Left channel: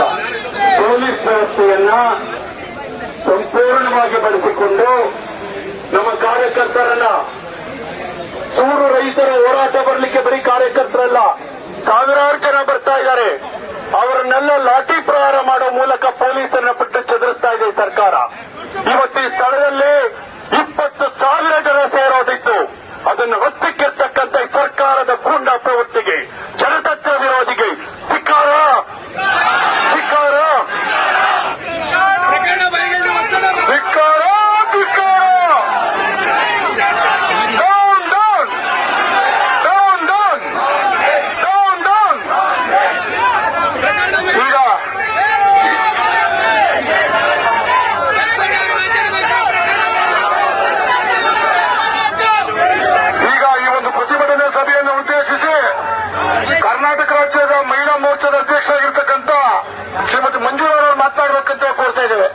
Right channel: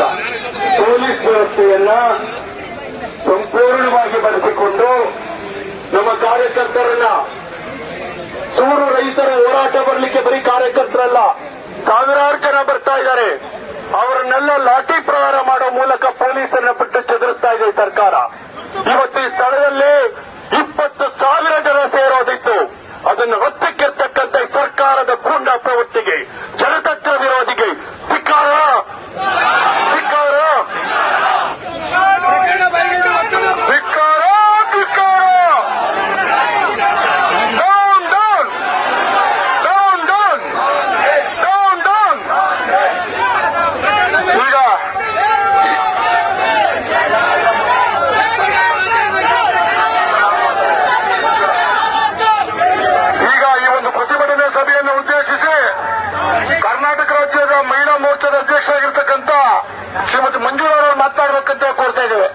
ಮೂಲಕ ಪೊಲೀಸ್ ವ್ಯವಸ್ಥೆಯನ್ನ ಸಂಪೂರ್ಣವಾಗಿ ಬಳಸಿಕೊಂಡು ನಮ್ಮ ಕಾರ್ಯಕರ್ತರನ್ನ ಸೂರು ರೈತರ ಹೋರಾಟ ಬರಲಿಕ್ಕೆ ಬರೀ ಕಾರ್ಯಕರ್ತರಲ್ಲ, ಸಾವಿರಾರು ಜನ ಬರ್ತಾ ಇದ್ದಾರೆ. ಅವರನ್ನೆಲ್ಲ ಲಾಠಿ ಪ್ರಹಾರ ಮಾಡೋ ಮೂಲಕ ಪೊಲೀಸನ್ನ ಬಿಟ್ಟು ಚದುರಿಸ್ತಾ ಇದೆ ಸರ್ಕಾರ. ಇವತ್ತು ಈ ಸ್ಥಳದಲ್ಲಿ 20,000 ಜನ ಸೇರೋದಿತ್ತು. ಅದನ್ನು ಒತ್ತಕ್ಕೆತ್ತಕ್ಕಂಥ ಸರ್ಕಾರದ ಗೂಂಡ ಪ್ರವೃತ್ತಿಗೆ, ಜನತಂತ್ರ ವಿರೋಧಿಗೆ ಧಿಕ್ಕಾರ, ಧಿಕ್ಕಾರ, ಧಿಕ್ಕಾರ, ಧಿಕ್ಕಾರ. ಈಗ ಈ ಒಂದು ಪ್ರತಿಭಟನಾ ಸಭೆಯನ್ನು ಉದ್ದೇಶಿಸಿ ಕರ್ನಾಟಕ ರಾಜ್ಯದ ಮಹಿಳಾ ಮೋರ್ಚಾದ ಅಧ್ಯಕ್ಷರಾಗಿರ್ತಕ್ಕಂಥ ಶ್ರೀಮತಿ ಮಂಜುಳಾ ಅವರು ಮಾತನಾಡಬೇಕಂತ ಕೋರ್ತಾ ಇದ್ದೇವೆ.